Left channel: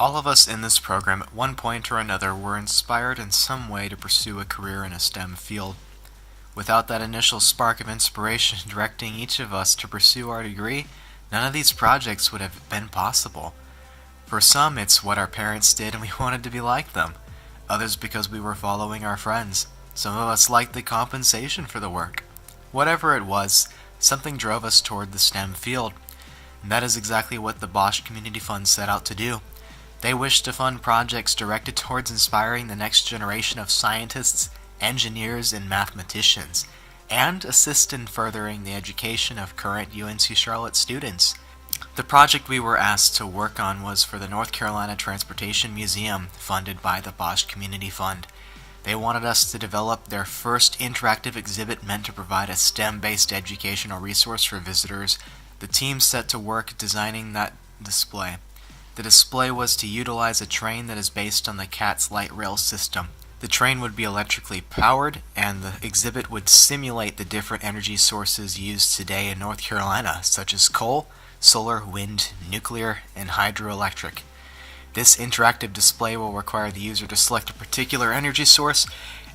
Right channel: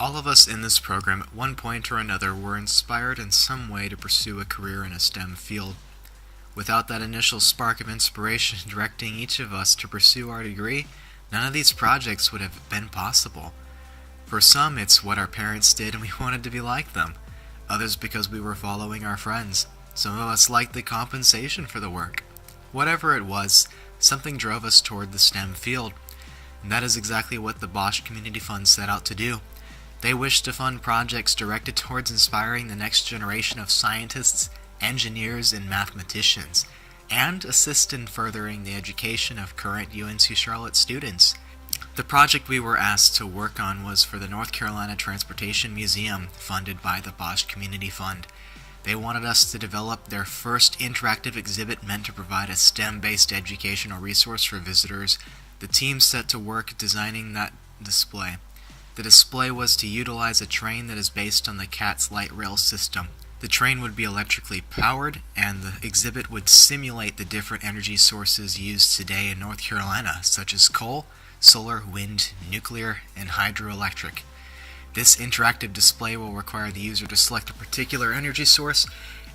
All of us in this program at one point or another were inspired in some way to pursue a career in a STEM field. Without that initial spark of inspiration directing each of us to pursue our degree, none of these projects would have been possible. For some, it's what our parents did and we wanted to be like them. Others because we were following our friends. Some of us liked the compensation for the work. Whatever it was, something drove us toward the STEM field. And that is exactly what the Bosch Community Fund set out to do. They wish to fund projects directed towards inspiring the next generation of scientists, engineers, and mathematicians, and assist in furthering the education of current UNC Charlotte students. The project we were asked to work on was for the North Carolina Transportation Museum, funded by the Bosch Community Fund. They wanted us to develop their first interactive exhibit meant to provide a STEM-based educational resource for visitors. The team set to work designing that display. The display was to utilize a train that is based on the CATS light rail system. The train would be electrically powered, and the exhibit would simulate the different energy sources used today in North Carolina, such as coal, solar, wind, nuclear, and hydroelectric. This interactive display will require the user to select a particular energy source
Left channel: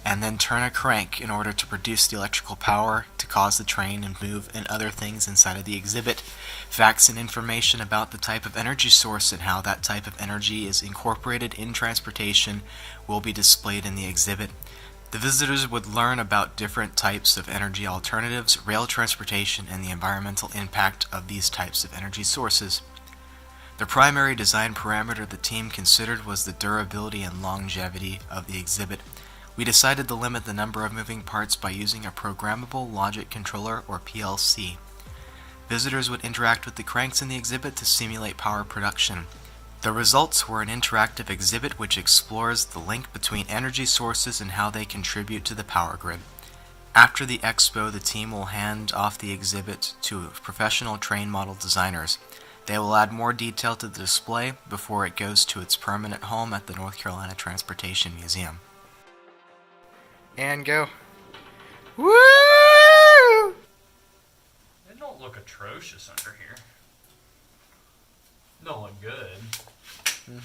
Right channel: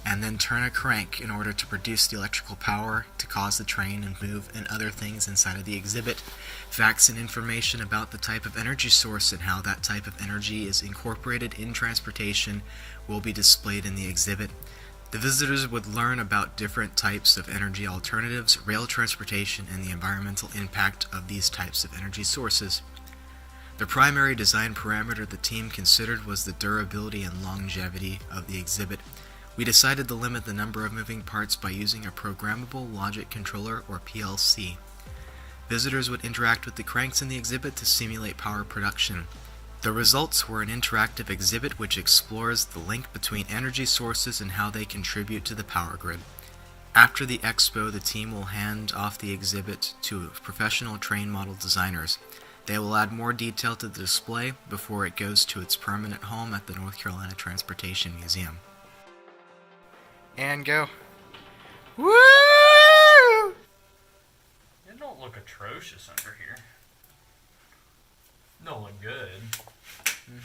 and then turn a crank in order to produce the electrical power to cause the train to move and other things inside of the exhibit. Facts and information about the type of energy source and how that type of energy is incorporated in transportation will be displayed in the exhibit. The visitors would learn about different types of energy alternatives, rail transportation, and the environmental impact of these types of energy sources. The primary design parameter the team considered was the durability and longevity of the exhibit. We decided to limit the number of moving parts by using a programmable logic controller, or PLC. Visitors would interact with the cranks in the exhibit to simulate power production. The results were an interactive exhibit which explores the link between energy sources and how they contribute to the power grid. After the expo, the team will hand off the exhibit to professional train model designers. They will add more detail to the display before it goes to its permanent home at the North Carolina Transportation Museum. And go. Woo! It don't look atrocious under here. Don't look good. Mm-hmm.